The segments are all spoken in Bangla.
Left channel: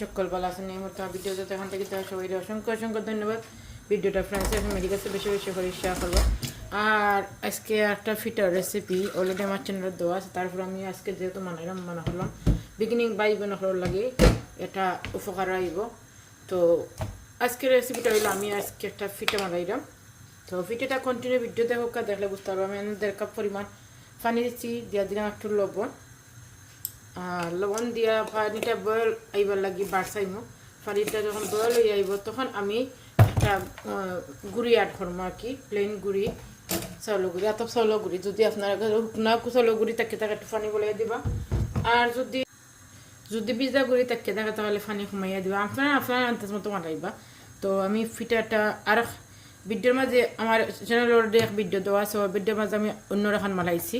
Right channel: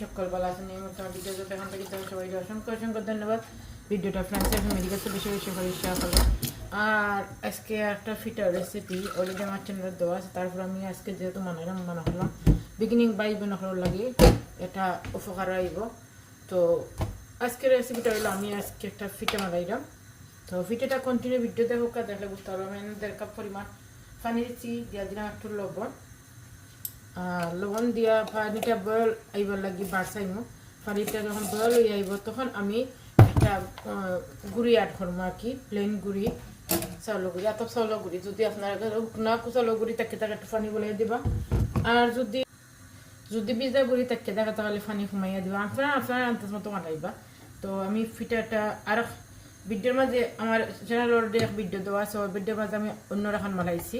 সকল ভালো আছেন এই মতো ভিডিও যত এখন থেকে তার সবাই অসংখ্য অসংখ্য ধন্যবাদ। ভিডিওটা ফ্রেন্ডস ফ্যামিলি কাছে বেশি বেশি করে শেয়ার করব আর আজকে একটা ফিটার রেসিপি অলরেডি আমার চ্যানেলে দেওয়া আছে, তারপর আমি আজকে যেহেতু মনে মনে হলো বিগিনিং বাই বোন হল লাগে, এটা উপকার আইব তো আজকে রেসিপিটা হইল, আমি আজকে একটা ফিটা বানাইলাম। তো ভিডিওটা কন্টিনিউ ভিডিও দেখো দেখলে বুঝতে পারব, আমি দেড় কাপ পরিমাণ পানি দিচ্ছি, দিয়ে দিলাম একটু লবণ। লবণ দিয়া পানিটা বয়েল আইবার লাগি বাড়সাইমো পানিটা যখন বয়েল হয়ে আইব, তখন আমি একটা গুড়ি অ্যাড করব আর কি প্লেন গুড়ি, চাউল গুড়ি। এত চাউল গুড়ি, যদি আপনার না চাউল গুড়ি থাকে তাকে একটু পানি বলে দিবা। আর যদি যদি ভিজা গুড়ি থাকে থাকে তাহলে পানি কমাইয়া দিবা। আপনারা, আপনার আন্দাজ মতো মারাইবা তো আমি ফিটাটা আর ভিডিওর মাঝে আমার চ্যানেল এক ভিডিও দেওয়া আছে ভিডিওর মাঝে আমি অন্য রাখান মালাইছি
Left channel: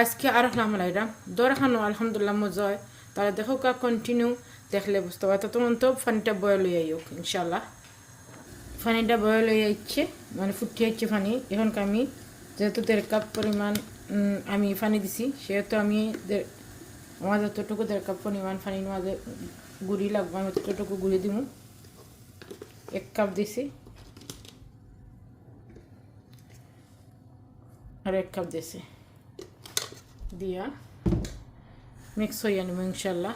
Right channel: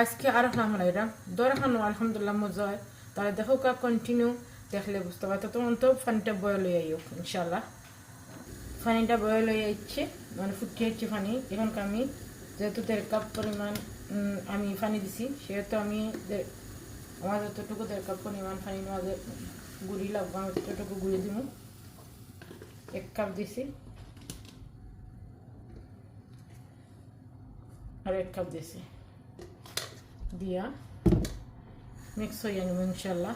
আজকে আর না মালাইলাম দর রাখানো আলহামদুলিল্লাহ মজা হয় তাহলে দেখো কা কন্টিনিউ দেখলে বুঝতে পারতো তোমার তো পানিটা বয়েল হয়ে আইও ইনশাল্লাহ পানিটা বয়েল হয়ে যাচ্ছে মানে ফুটে যাচ্ছে পানি এখন আমি, যেহেতু দেড় কাপ পরিমাণ আমি পানি দিছি, সেহেতু আমি আমার যতটুকু দেড় কাপ পরিমাণ পানির মাঝে গুড়ি লাগবে, আমি ততটুকু গুড়ি দিব এক কাপ দিছি। আর এক কাপ দিছি। দিয়া মিক্স হয়ে নেব ইনশাল্লাহ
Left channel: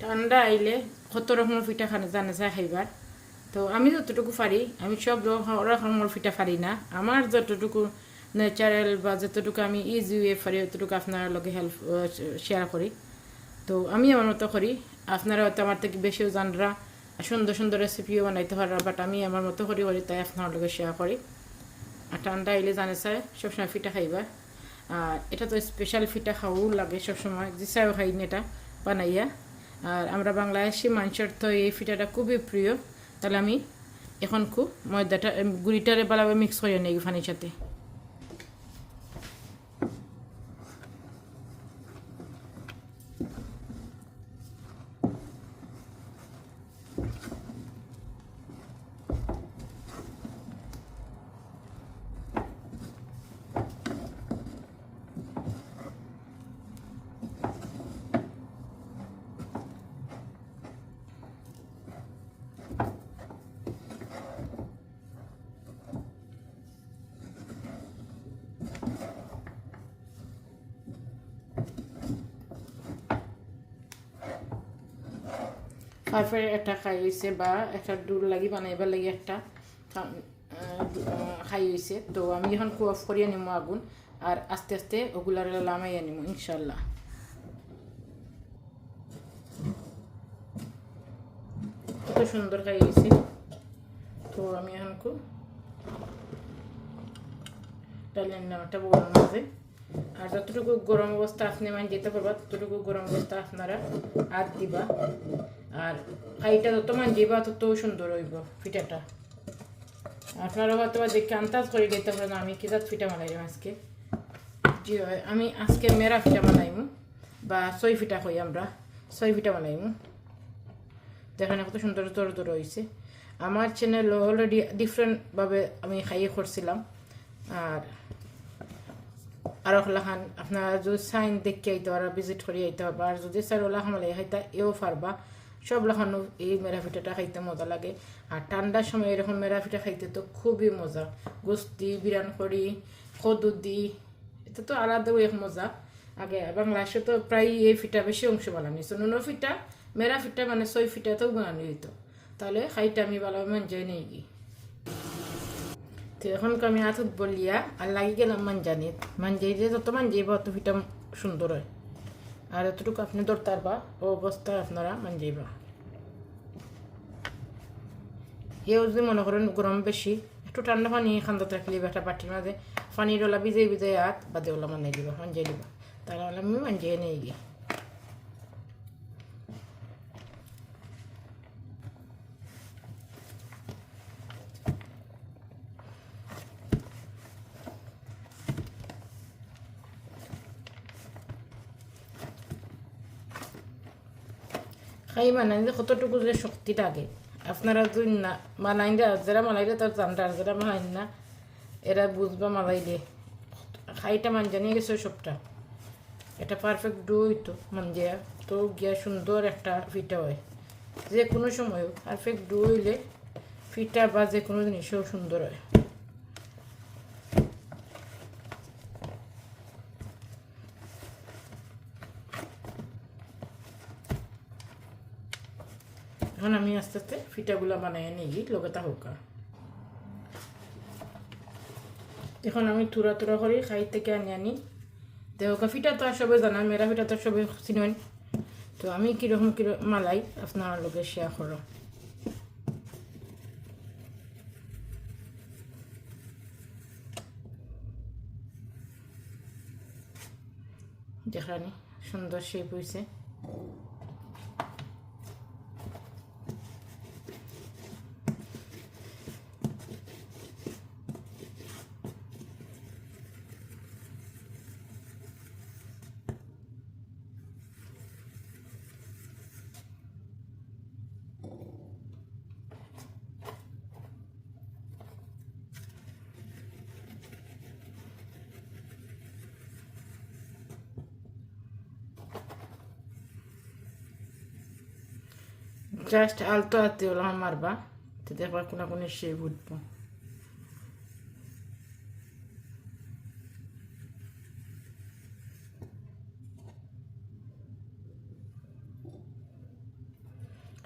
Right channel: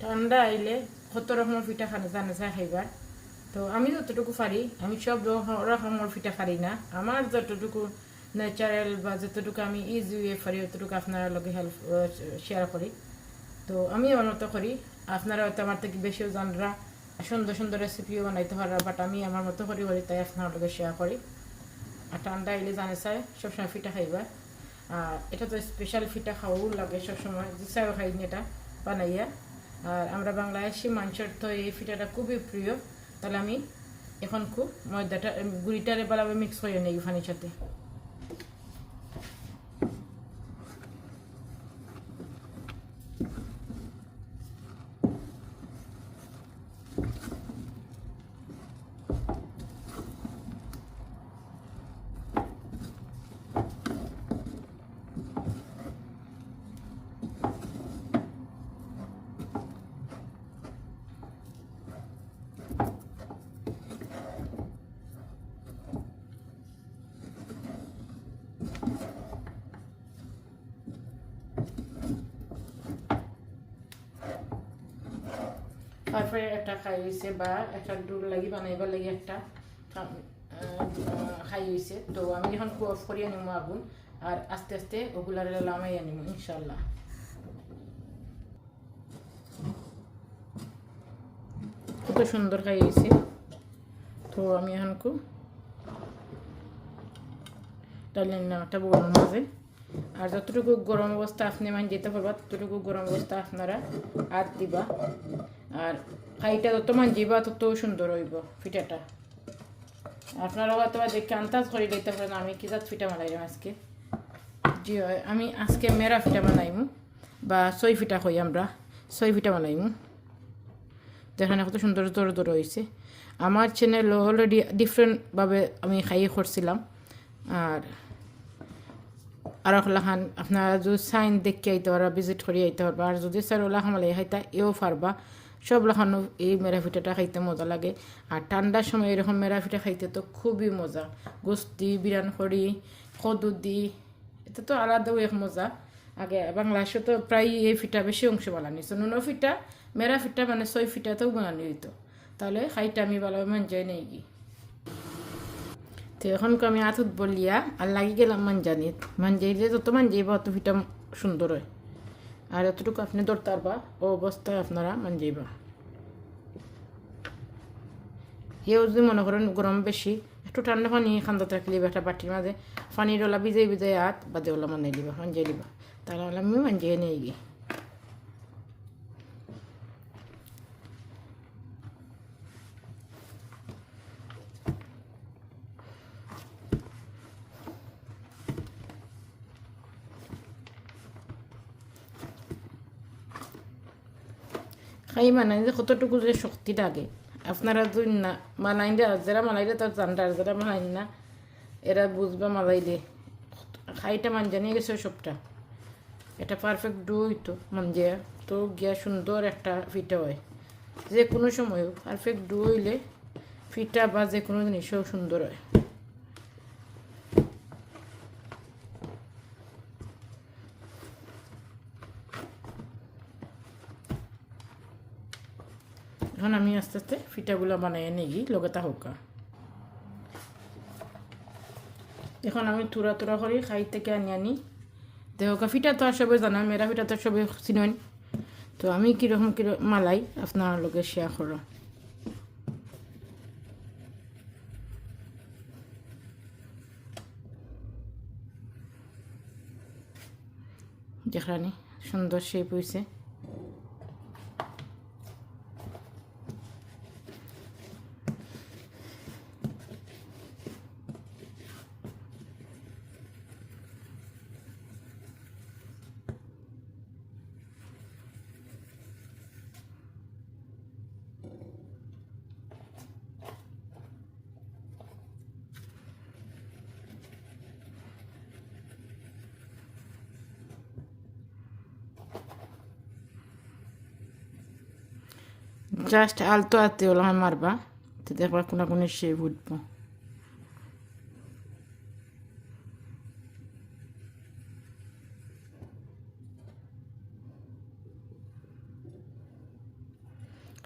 ঠান্ডা আইলে কত রকমের পিঠা খানা জানা যায় খাইবার। তো আমি যতটুকু পারি, আমি সব রকমের পিঠা পারি না। আমার যতটুকু ন্যাচারাল বা যতটুকু আমি ইজি ওয়ে পারি ততটুকু আপনার লগে হেল্প শেয়ার করি। তো আমি আমার মতো করি। আপনারা হয়তো আমার থেকে বেশিও জানরা, সুন্দর সুন্দর রেসিপিও বানাইতে পারা বাট আমি আমার মতো করি করি তাই আপনার লগে শেয়ার করি। আর ঠান্ডা এলে জানে চাই সবসময় ফিটা খাইবা। আর এটা তো স্পেশাল ফিটা খাওয়াও লাগে সবসময়, যে চাইও খাই এটা বানাইয়া। আর আমরা বাংলাদেশি মাংসের তো এই ফিটাটা খুবই প্রিয়। তাহলে আমি এখন খুব ময়দাটা গুড়িটারে ভালোভাবে মিক্স হয়ে নেই ফানির সাথে। তারপরে একটা খাই হয়েছে বা একটা ডুল লাগি বানাইবার লাগি একটা খাই হয়েছে তো আমি এখন কু অফ করিয়ে নিমো আগুন, আর আস্তে আস্তে ওগুলার লামাইয়া নিমো ইনশাল্লাহ কত সুন্দর খাই হয়েছে তো আমি এখন খুব ডালের নামটা বড় মাঝে আর যতটুকু গরম অবস্থা আপনি মানে যেতে পারবা, ততটুকু গরম অবস্থা আপনারা আর দিবা। আর খাইটা যত যাইবা তত সুন্দর হইব পিঠাটা আপনারা হয়তো দেখে আন্দাজ করে দিতে পারেন আমি কি জাত পিঠা বানাইলাম আজকে। জি হয় আমি আজকে মেরা ফিটা বানাইমু, বা সই পিঠা কই আমরা, সই পিঠা বানাইমু। দেখেন কত সুন্দর তোর তোর হয়েছে আমার চ্যানেল অলরেডি ডিফারেন্টভাবে আমি খাইয়ে করছিলাম। আর আর ওখান আপনারা যদি সাইন দেখে আইতে পারা ভিজিট করে আইতে পারবা। আর যদি স্যার ওলা খামালে খাইতা এও পারবা। সব লাখানো এই মেরা পিঠাটা খাইতে মজা লাগে। আর ঠান্ডার সময় এরকম মেরা পিঠা খাইতে তো খুবই মজা। গোস্তি বিরান করি কদুদি, এটা তো আলাদাও এক মজা। আগে বাংলাদেশে তো প্রায় এই ফিটা বেশি অংশ বানানি নুনো ফিটা, মেরা ফিটা মানে ছয় ফিটাতেও বানানি হইতো। তাহলে খাইটা আমি ভালো মান যাই নাই কি? তো এখন আমি আথত বলিয়া আর লাগি গেলাম মানজানিত। মানজাইলে যত মানজাইব অত ফিটা সুন্দর হয়। আর এতটুকু আপনি ধরতে পারবা ও অবস্থায় আপনারা মানজাইবা এও যদি মনে করেন গরম বেশি, একটু ঠান্ডা পানি খান্দা থাকলে একটা বাটির মাঝে। পানির ওলা ভিজাই ভিজাই হাত বাদে ওলা মানাই দিবা মানজাই দিবা তাহলে আমি মানজাই নিয়ে গিয়ে। খাই মানাইলে কতটুকু যে শক্তি লাগে। আপনারা যদি না মানাইলে যারা মানাইলে তার জানটা যারা মানাই না, এরা বুঝবা মালাইলে খাইটা মান জানিয়ে গেছে সবটা। এটা পারফেক্ট ডো হইতো মন যে তো গিয়া সুন্দর একটা ফিটা হয়। যে কোনো সময় পারফেক্ট ডু হইলে ফিটা বা যে কোনো জিনিসও সুন্দর হয় এখন আমি আস্তে আস্তে ফিটাগুলো বানাই নিই লগতা হোকা এখন আমি তুরা তুরা করে খাই থেকে আনি আনি। দেখো ফিটা তো আর সবাই জানা মেরা ফিটা তো সবাই চিনেন তো আমি কীরকম কীরকম মালাই, আপনার লগে শেয়ার করো। যেখানে সুন্দর শেপ হয়েছে জাস্ট আলতো হলো আমি মারবা তো দেখবা কোনো কোনো শেপ উঠবো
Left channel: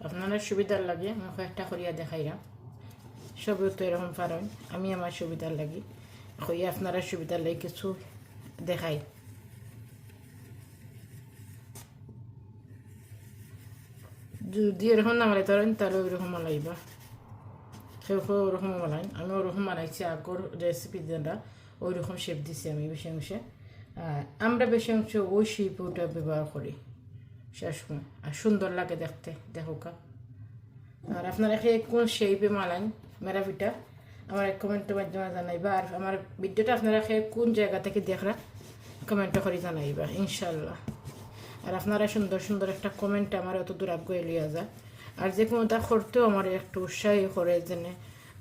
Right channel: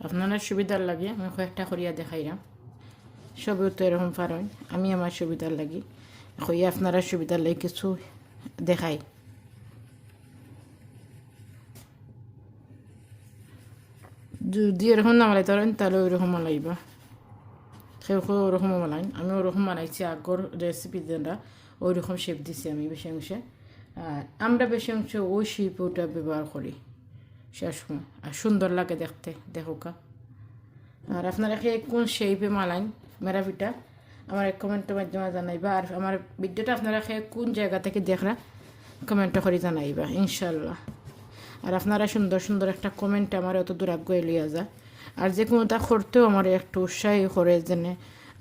আপনারা সুবিধার লাগে, আমি কয়েকটা করিয়া দেখাইলাম সবই তো এরকম পারেন আমি আমার সুবিধার লাগি। কই আপনারা সুবিধার লাগে কিছু দেখাই। যদি এরকম না মালাই তারেন তাহলে ওইরকম মালাইবা সেও ওরকম মালাই আমি ওরকম বানাইছি আগর রেসিপি যেটা ওইরকম শেপ দিছি আমি বেশি অংশে আর আমরা বেশি অংশ ওই শেপ ওটা ব্যবহার করি শেষ আর সুন্দর লাগে দেখতে দেখোকা আর আপনারা খেয়ে কোন শেপে মানাই মেরা পিঠা আমার কমেন্টের মাধ্যমে জানাইবা আর আমার ভিডিওটা আপনারা খেয়ে কোন জায়গা থেকে দেখরা কমেন্ট করে জানাইবা ইনশাল্লাহ আর আপনারা সুন্দর সুন্দর একটা কমেন্ট আমার অত দূর আগ্রহ লিয়া যায় আর যে কোনোটা করতেও আমার একটু উৎসাহী করে যেনে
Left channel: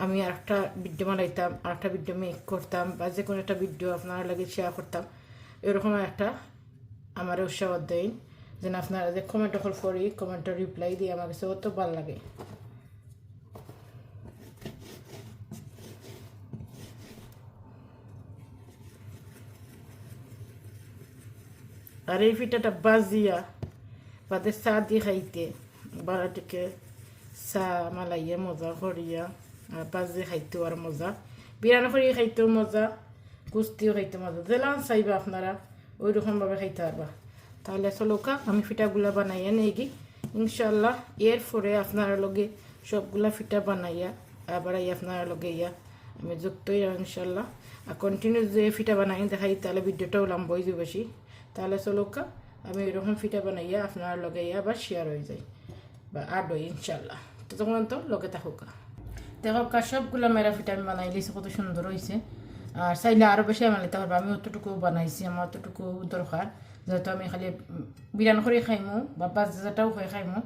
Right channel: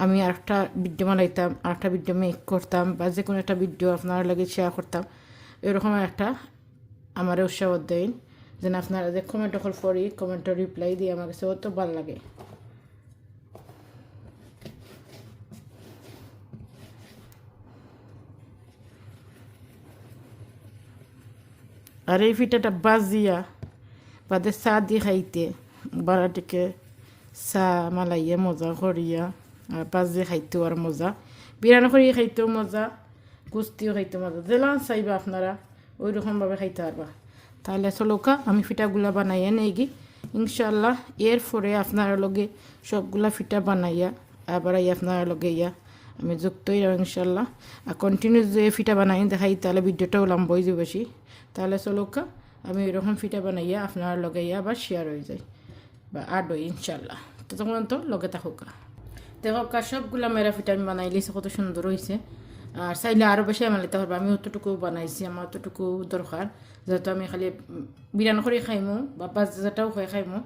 আমি আরেকটা ভিডিও বানাইতাম, আরেকটা ভিডিও মেক করতাম বা যে কোনো একটা ভিডিও আপনার লাগে শেয়ার করতাম, এরকম একটা আমার উৎসাহ দেয় যেন আপনারা যে কমেন্ট করি কমেন্টের রিপ্লাই দিয়ে আমার কাছে অত ভালো লাগে। আর এই পিঠাটা বাজিয়া, বাদে চা দিয়ে খাইতে। বারাটিকে চা মালাইয়া মজা করিয়া আর বাজি খাইতেও আর মজা। বিরানি করিয়া খাইতেও মজা, কুস্তিও খাইতে মজা। যেলাম চাইবা আপনারা ওই রকমভাবে খাইতে পারবা। তাহলে চলোকা আমি পিঠাগুলা বানাইয়া নেই গি ইনশাল্লাহ এর পরে আপনারা লগে সবগুলা পিঠা বানাইয়া, আবার আপনারা লগে ইয়া, আমি যুক্তই ইনশাল্লাহ আর কন্টিনিউ যে পিঠা বানাই দেখাই, তাহলে ভিডিওটাও লম্বই যে বেশি। তাহলে চলোকা আমি এরকম ফিটা বানাইয়া আপনার লগে ইয়া বা শেয়ার হয়ে যায় বা আড ইনশাল্লাহ তো তখন তো লগে থাকুকা দেখোকা সবগুলো মেরা পিঠা আমি বানাই লিছি, কত সুন্দর হয়েছে আর চাইলে আরও বেশি বানাইতে পারব, আমি অতটুকু বানাইছি, আমার অতটুকু দরকার। যেহেতু আমি খালি বিরান করে খাইমো, বা বাজাটাও খাই খাইমো।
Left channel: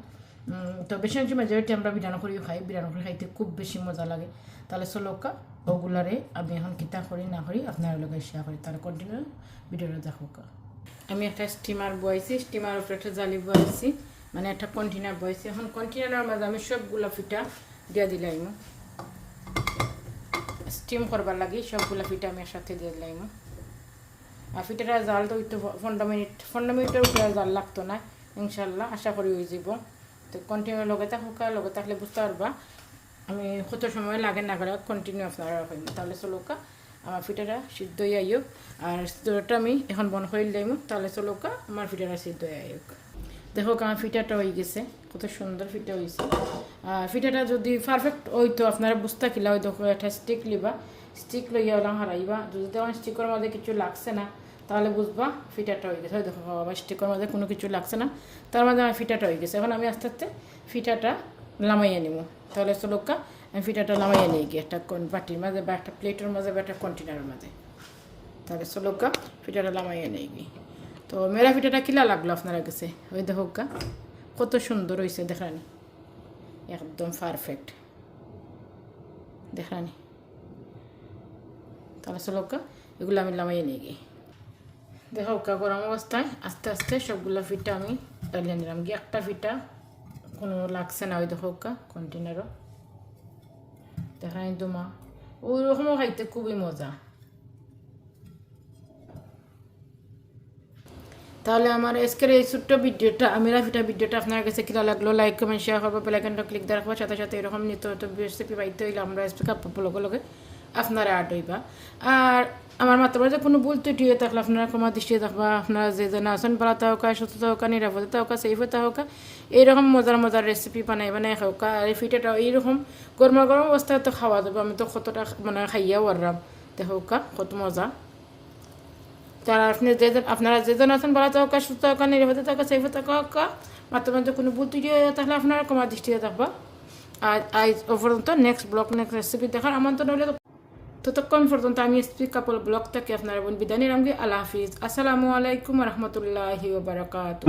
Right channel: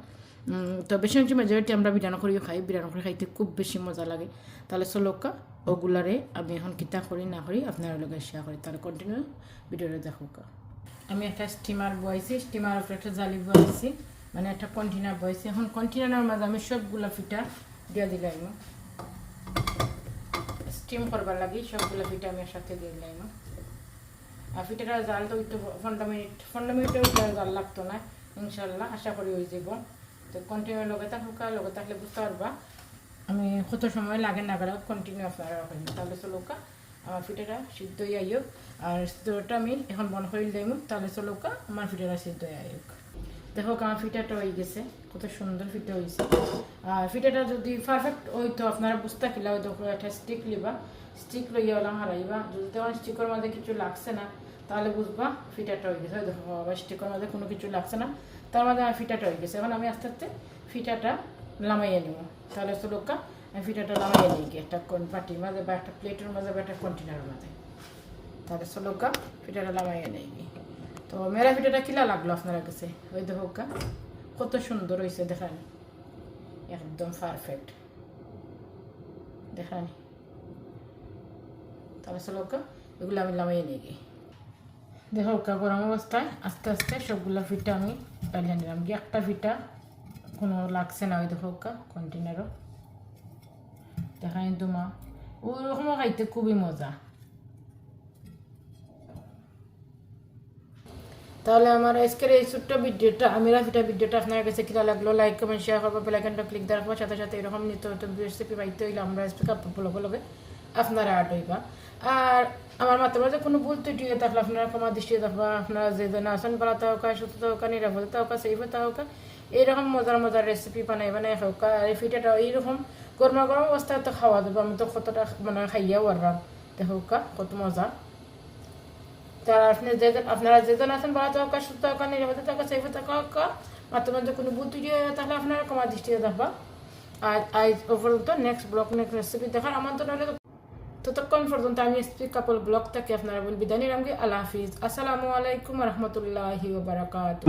তো বেশি অংশ মেজরিটি আমরা বিরান করিও খাই বিরান করে খাইতে খুব বেশি মজা লাগে। তাহলে চলোকা ওগুলারে আমি এখন কিতা করি না করি, আপনার লগে শেয়ার করি। তাহলে কন্টিনিউ ভিডিওটা দেখোকা আমি একটা স্টিমার বয়েছি স্টিমার উপরে একটা জালি বয়েছি মানে একটা কন্টেনার বয়েছি এখন কন্টেনারের মাঝে আমি সবগুলা ফিটা দিয়ে দিলাম স্টিম করবার লাগি সবগুলা ফিটা আমি একসাথে দিয়ে দিলাম আর ফিটাটা জাল তো একটু পনেরো মিনিট, পনেরো মিনিটের উপরে জাল লাগতো না ইনশাল্লাহ আশা করি হয়ে যাব তো কন্টিনিউ লগে থাকুকা লগে থাকলে বুঝতে পারবা। আমি কত সময় লাগে না করে কন্টিনিউ আপনারা হইম তাহলে চলোকা আমার ফিটাটা সিদ্ধ হয়ে আইক আর সিদ্ধটা আমি এখন বন করে দিলাম তাহলে চলোকা আমার ফিটাটা সিদ্ধ হয়ে আইক দেখো আমার ফিটাটা হয়ে গেছে। কত সুন্দর ফিটা হয়েছে আর ফিটাটা যদি পারফেক্ট হইতো আপনারা বুঝতে কিলা হয়তো একটা স্টিক লিবা। স্টিক লইয়া ওলা হারাইবা যদি তেমন স্টিকের মাঝে কিছু লাগছে না তাহলে বুঝবা ফিটাটা হয়ে গেছে। দেখো বাবা স্টিকের মধ্যে কোনো কিছু লাগছে না। তার মধ্যে আমার ফিটাটা হয়ে গেছে। এখন আমি আস্তে আস্তে ফিটাটা লামাইয়ে নিব তাহলে চলোকা ফিটাটা নামাইয়ে নিই গিয়ে, একটা বাটির মাঝে বা একটা প্লেটের মাঝে বা একটা কন্টেনারের মাঝে। তাহলে চলোকা ফিটাটা লামাইয়ে নেই গিয়ে। তো মেরা পিঠাটা কিলা লাগল আপনার কাছে? ওই দেখো কত সুন্দর হয়েছে দেখানি। একদম পারফেক্ট দেখানি। তাহলে চলো কা এগুলো আমি লামাইয়ে নিয়ে গিয়ে। দেখো গরম অবস্থায় আস্তে আস্তে সবগুলো পিঠা আমি ডালিয়া নিলাম। গিয়ে একটা ফিটা কোনো লাগছে না ওই দেখো কন্টেনারও দেখাই তোমা ওরকমও খাইতে খুবই মজা তাহলে আমার আজকের এই ছোট্ট ভিডিওটা, আমি রাফিটা ভিডিওটা আপনার কাছে কিনা লাগল? লাইক কমেন্ট শেয়ার করব বেলাইকনটা ক্লিক দিয়ে রাখব সাথে সাথে এরকম নিত্য রেসিপি পাইতে হইলে আমরা রেসিপি কাপড় লগে আপনারা আট হইবা। আর আমার মাত্র যে কোনো ভুল ত্রুটি হয়ে থাকলে আপনারা ক্ষমা দৃষ্টি থাকবা, আপনারা যে যেন আসন হোক সুস্থ হোক নিরাপদতা হোক সেফতা হোক, এইরকম মজার মজার রেসিপি বানাই বানাই হোক আর ফিটাটা এইরকম গরম গরম অবস্থায় তো খাওয়া দেবো আমি তো কতটা মানে খাইয়া পারলাম দেখোকা কত মজা। তারা আপনি যে আপনারা যে যেজন আছেন ভালো থাকা সুস্থ থাকা নিরাপদে থাকা সেফে থাকা মাত্র মাত্র কোনো বুদ্ধি তাহলে আপনারা কমা দৃষ্টিতে থাকবা। আর আজ পর্যন্ত নেক্সট ব্লগ নেক্সট রেসিপি দেখার আমন্ত্রণ হলে ততক্ষণ পর্যন্ত আমি স্পিক কাপল ব্লগ থেকে আপনারা বিদায় নিলাম আল্লাহ হাফিজ আসসালামু আলাইকুম রহমতুল্লাহি বারাকাতু